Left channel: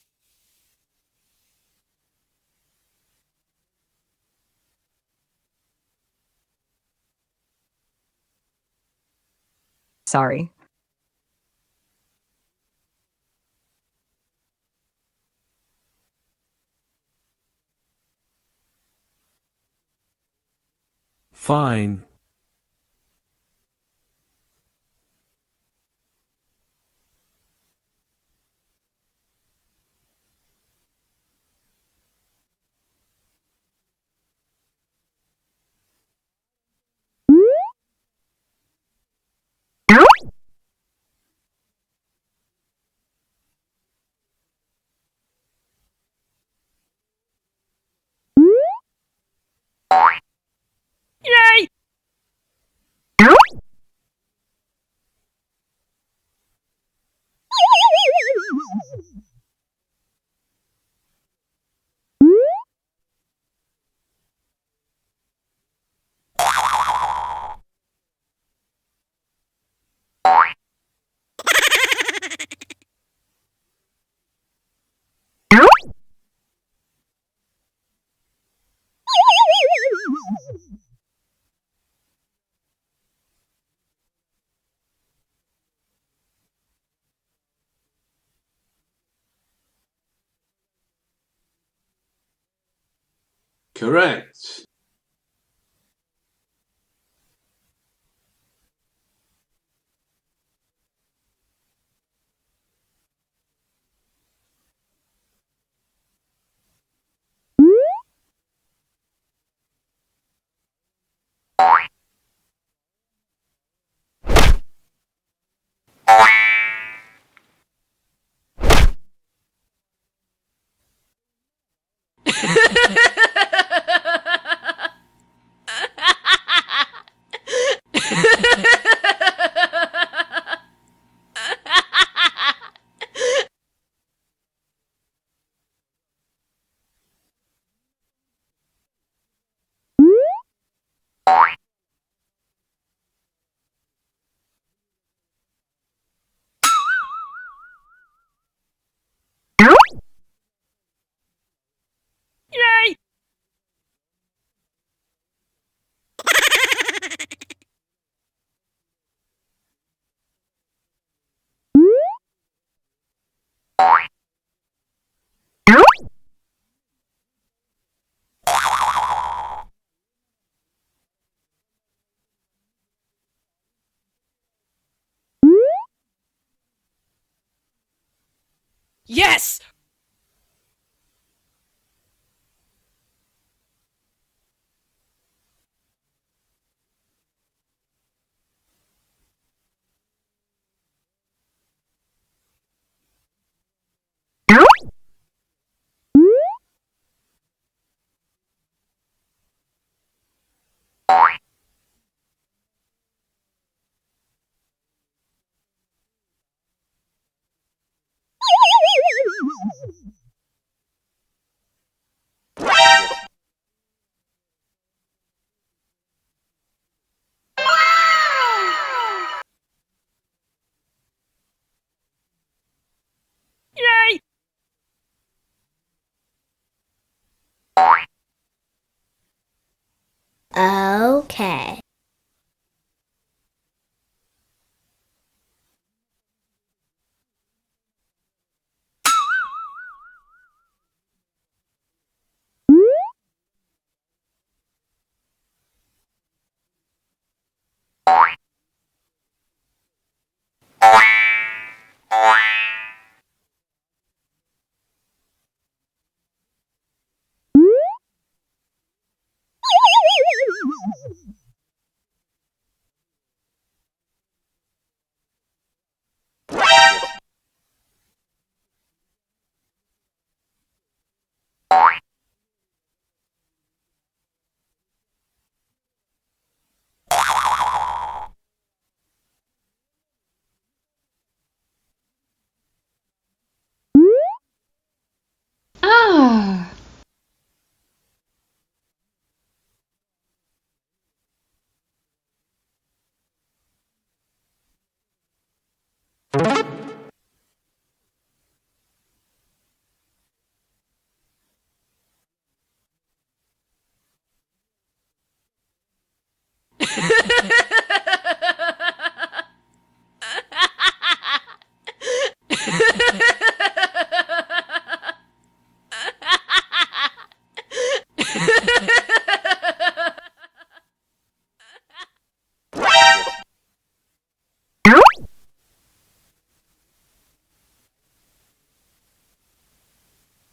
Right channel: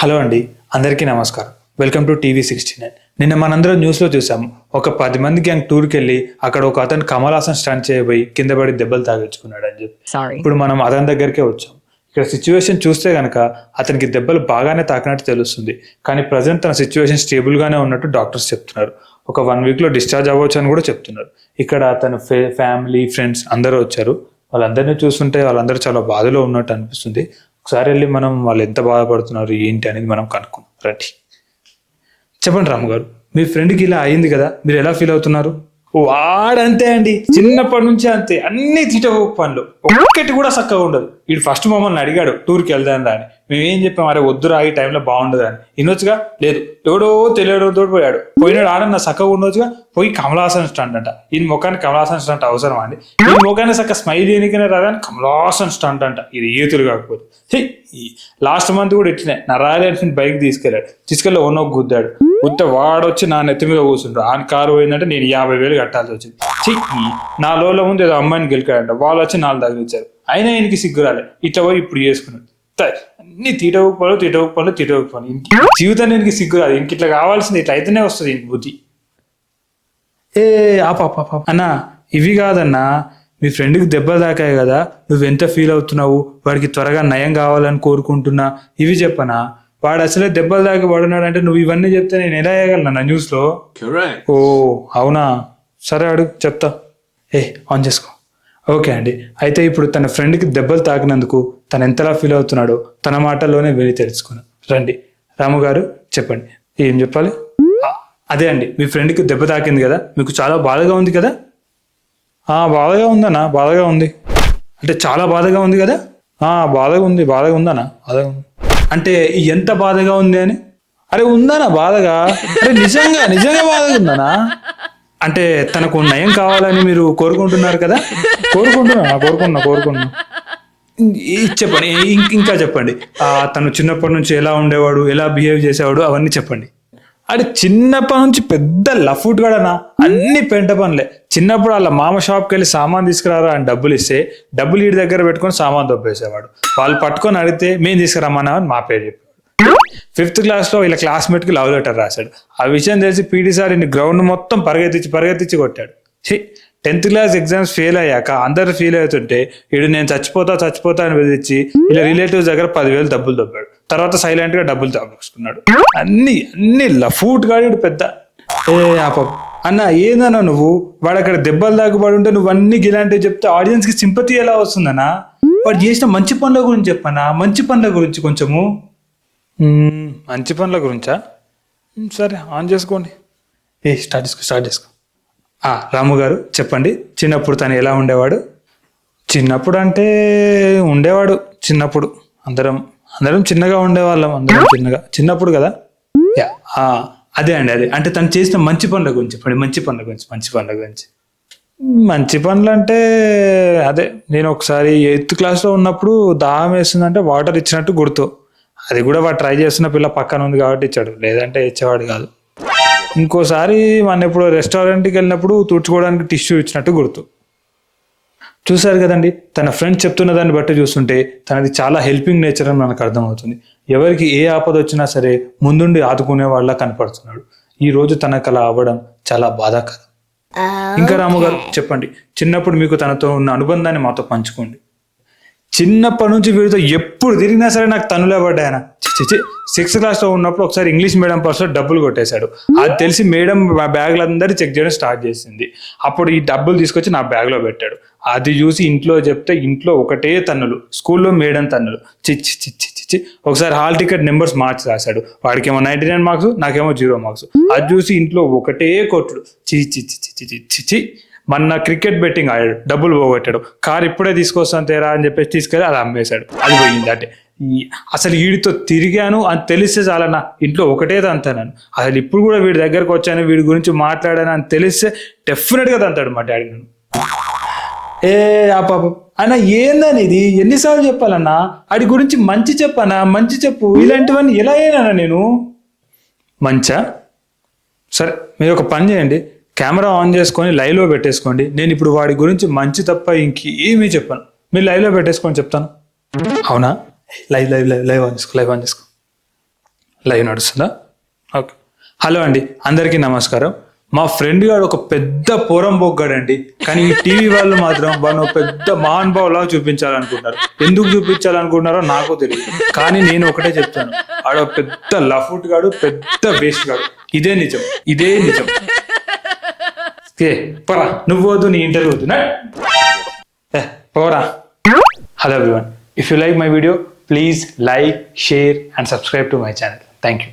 Hello అండి, అందరికీ నమస్కారం. Welcome to TV 69. నిన్న మనందరం న్యూస్లో చూసాము. ఒక 10 మంది గ్యాంగ్ టూర్కి వెళ్ళి అక్కడ ఒక అతను కమలాసన్ స్టంట్ చేయబోయి కింద పడి దెబ్బలు తాగించుకున్నాడు అని చెప్పి. ఇప్పుడు మనం అతని దగ్గరికే వచ్చాం. ఇక్కడ సిచ్యువేషన్ చూస్తే కనుక అతనికి దెబ్బలు బాగానే తాకినట్టు తెలుస్తుంది. కానీ ప్రజెంట్ తన సిచ్యువేషన్ స్టేబుల్గానే ఉన్నట్టు డాక్టర్స్ చెప్తున్నారు. ఒక 1 వీక్లో డిశ్చార్జ్ అవ్వచ్చు అని కూడా చెప్తున్నారు. ఇక్కడ అతను ఫ్యామిలీ ఫ్రెండ్స్ అందరూ వచ్చారు. వాళ్ళందరినీ చూస్తుంటే వాళ్ళందరూ చాలా బాధలో ఉన్నట్టు అనిపిస్తుంది. ఒకసారి వెళ్ళి మనం వాళ్ళు ఎంత బాధపడుతున్నారు ఏంటి అనేది మనం కనుక్కుందాం రండి. చెప్పండి రాము గారు, మీ ఫ్రెండ్కి ఇలా అయింది కదా, మీరు ఎలా ఫీల్ అవుతున్నారు? వాడంతే అండి, చిన్నప్పటి నుంచి అంతే, అన్ని తీటవ పనులు, ఒక్కటి కూడా చక్కగా ఉండదు. వీడు ఫస్ట్ మమ్మల్ని అడిగాడు టూర్కి వెళ్దాం రా అని. మేము ఏం చెప్పాం, అరే వద్దురా ఈ టైంలో బాగుండదు అని. ఇన్నొచ్చుగా, లేదు ఎవడో తెలియడంతో పోయాడు. పోయినాడు ఆడన్న చక్కగా ఉండొచ్చుగా. పోయి కమలాసన్ స్టంట్ అంట. ఈ ముఖానికి కమలాసన్ స్టంట్ అవసరం అండి? ఈ ముఖాన్ని చక్క స్మైల్ చేయనికనే రాదని కమలాసన్ స్టంట్ అంట. ఇది ఈతులు కాకపోతే. లాస్ట్ మంత్ కూడా ఇట్లనే నా రాయల్ ఎన్ఫీల్డ్ బైక్ తీసుకెళ్ళి ఓనో గుద్దాడు. గుద్ద వాడొచ్చి నా నెత్తి మీద కూర్చుంటాడు. ఆ కారు పోయిందంటే నేను 50,000 కట్టాల్సి వచ్చింది. నా లోలో ముందు ఏదో అమ్మాయిని గెలికాడంట, వాళ్ళు వచ్చి 4 తగిలించారు. అయినా ఆయనకి సిగ్గురాలే. ఇట్లా పోయి ఇప్పుడు చేసుకున్నాడు. అన్ని తీటవుకుపోను జీవితాన్ని ఇంటికి సిగ్గురాదు. ఇంక ఇట్లా కావాల్సింది, ఇట్లా అయితేనే వస్తుంది ఇంక బుద్ధి. అన్నా ఇవి కాదన్నా, మీ ఫ్రెండ్కి దెబ్బలు తాకాయి కదా, నువ్వెంత ఫీల్ అవుతున్నావు, వాడికి త్వరగా నయం కావాలని కోరుకుంటున్నా, ఇవి చెప్పనా? వాడు అసలే దెబ్బలు తాకి పడున్నాడు అంటే నువ్వు ఇవన్నీ చెప్తే నేను ఎలా వేయగలనా న్యూస్లో? ఓ అవునా, సరే అడుగు చెప్తా. ఆన్ చేసుకో. ఓకే అండి, అయితే ఇప్పుడు తన ఫ్రెండ్కి దెబ్బలు తాకినందుకు తను ఎంతలా ఫీల్ అవుతున్నాడో తన మాటల్లోనే విని తెలుసుకున్నాను. రండి రాము గారు, చెప్పండి ఏం చెప్పాలి? అదే అండి, మీ ఫ్రెండ్కి దెబ్బ తాకింది కదా, మీకు చాలా బాధగా ఉంది కదా? బాధగా ఉందన్నా, బాధగా ఉంది అంటే చాలా బాధగా ఉంది కదా? బాధగా ఉందన్నా, బాధగా ఉంది అంటే ఎంత బాధగా ఉంది అని? అరే ఉందన్నా బాధగా, నిజంగా బాధగా ఉందన్నా. అంటే తనకు నయం కావాలని మీరు కోరుకుంటున్నారు కదా? కోరుకున్నా. చెప్పండి, ఇంకా చెప్పండి. తను చిన్నప్పటి నుంచి ఎలా ఉండేవాడు, ఎలా బిహేవ్ చేసేవాడు, అవన్నీ చెప్పండి. అది చిన్నప్పటి నుంచి పెద్ద లఫ్ట్ గడనా, అన్ని పెంట పనులే. చిన్నప్పుడు వాళ్ళ మామ షాప్కి వెళ్ళి సామాన్ తీసుకురారా అని డబ్బులు ఇస్తే డబ్బులు వీడి దగ్గర పెట్టుకొని సామాన్ దొబ్బేసేవాడు. వాళ్ళు పట్టుకొని అడిగితే మేము తీసుకురమ్మన్నా అని మా పేరు చెప్పాడు. 5th క్లాస్లో ఇలా క్లాస్మేట్కి లవ్ లెటర్ రాశాడు. ఆ విషయం తెలిసి పీటీ సార్ ఇన్ని గ్రౌండ్ మొత్తం పరిగెత్తించి కొట్టాడు. 10th క్లాస్ ఎగ్జామ్స్ ఫెయిల్ అయ్యాక అందరు ఫీల్ అవుతుంటే వీడు నేను చచ్చిపోతా అని బెదిరించి ఇలా రిలేటివ్స్ దగ్గర 10,000 డబ్బులు దొబ్బాడు. తర్వాత సైలెంట్ గా డబ్బులు దాపుకున్నాడు. అన్ని లఫూట్ గాడు పెద్ద. అన్న ఏందన్నా నువ్వు, వాడు అక్కడ దెబ్బలు దాగుబడి ఉంటే నువ్వు అన్ని ఇలాంటివి చెప్తే ఆడియన్స్ కి సింపతి ఎలా వస్తుందన్నా? వాడు చేసిన మంచి పనుల గురించి చెప్పన్నా, మంచి పనుల గురించి కొంచెము. మంచి పనుల గురించా? సరే ఆన్ చేసుకోండి. స్టార్ట్ చేసుకో. రాము గారు చెప్పండి, చిన్నప్పుడు తను ఎలా ఉండేవాడు? చిన్నప్పుడు అంటే ఉండేవాడు, చిన్నప్పుడు అందరం చిన్నగా ఉండేవాళ్ళం, చిన్నప్పుడు కదా. అదే అంటే తను చేసిన మంచి పనుల గురించి చెప్పండి. మంచి పనులు అంటే అదే, నేను ఒకసారి 8th క్లాస్లో ఉన్నప్పుడు దాహం వేస్తుందంటే వాటర్ ఇచ్చినట్టు గుర్తు. అది కూడా వాడు ట్రై చేస్తున్న పిల్ల పక్కన ఉంది కాబట్టి ఇచ్చాడు, లేదంటే ఇచ్చేవాడు కాదు. ఇంకోసారి మన ఎప్పుడు రెస్టారెంట్కి వెళ్ళినప్పుడు తుడుచుకోవడానికి టిష్యూ ఇచ్చినట్టు గుర్తు. చూశారు కదండి, తన ఫ్రెండ్స్ చెప్తున్న దాన్ని బట్టి చూస్తుంటే తనది చాలా హెల్పింగ్ నేచర్ అని మనకు అర్థమవుతుంది. ఎవరికి ఏ ఆపద వచ్చినా సరే ముందుండి ఆదుకునే వాళ్ళ కనపడుతున్నాడు. ఈ రోజు తనకు అలా అవ్వడం చాలా బాధాకరం. ఇంకా రాము గారు చెప్పండి, చిన్నప్పుడు మీకు తనతో ఉన్న అనుబంధాన్ని మాతో పంచుకోండి. చిన్నప్పటి నుంచి వీడితో ఎప్పుడు తిరిగినా సరే నాకు తనులే పడ్డాయన. 6th క్లాస్లో ఉన్నప్పుడు ఒకసారి ఇంగ్లీష్ మీడియం పర్సులో డబ్బులు కొట్టేశాడు. అది తెలిసి మేడం బ్యాగ్లందరూ చెక్ చేయడం స్టార్ట్ చేసింది. అప్పుడు ఈ డబ్బులు తీసుకొచ్చి నా బ్యాగ్లో పెట్టాడు. అది చూసి ఇంట్లో చెప్తే ఇంట్లో ఒకటే తన్నులు, స్కూల్లో మేడం తన్నులు. ఒకసారి హాల్ టికెట్ నెంబర్స్ మార్చి రాశాడు. వాడికేమో 99 మార్క్స్, నాకేమో 0 మార్క్స్. అది చూసి ఇంట్లో ఒకటే కొట్టుడు. మొన్న క్రికెట్ బెట్టింగ్ ఆడాడు, డబ్బులు పోగొట్టాడు. కారు ఇప్పుడే తీసుకొస్తాను తేరా అని చెప్పేసి తీసుకెళ్ళి అది అమ్మేశాడు. అది పోయింది. అంటే అసలు వీడితో తిరిగాను అని తెలిస్తే చాలన్నా ఇంట్లో ఒకటే తంతాను. అసలు ఇప్పుడు కూడా వీడి దగ్గరకు వచ్చాను, వీడి గురించి మాట్లాడాను అని తెలిస్తే డెఫినెట్గా తంతాడు మా డాడీ నన్ను. అన్న ఏందని ఇది, ఎన్నిసార్లు చెప్పాలన్నా? వాడి గురించి మంచి చెప్పనా? మంచి చెప్పు, ఇలాంటివన్నీ ఎలా అయినా నేను మంచా? సరే మీరు ఒక పని చేయండి, కెమెరా ఆన్ చేసుకొని లైవ్లో పెట్టేసుకోండి. నేను ఇప్పుడు వాడి గురించి మంచి తప్ప ఇంకేమీ చెప్పాను. మీరు లైవ్లో పెట్టేసుకొని చెప్తాను. అవునా? లైవ్ ఆన్ చేసుకో. లైవ్ నడుస్తుందా? ఓకే. హలో అండి, అందరికీ నమస్కారం. మా ఫ్రెండ్ గారు ఒక పెద్ద పోరం బొగ్గాడండి, కానీ ఈ టీవీ వాళ్ళు మాత్రం వాడు పెద్ద మహానుభావులా చూపించాలనుకుంటారు. ఎందుకు చూపించాలనుకుంటున్నారో నాకు తెలియదు, కానీ నేను ఒకటే చెప్తాను, ఆడ పెద్ద లఫుట్ గాడు, పెద్ద వేస్ట్ గాడు. ఇదే నిజం, ఇదే నిజం. పోరా, నువ్వు వద్దు, నీ ఇంటర్వ్యూ వద్దు, పోరా. Hello everyone, if you like my video, please like, share and subscribe to my channel. Thank you.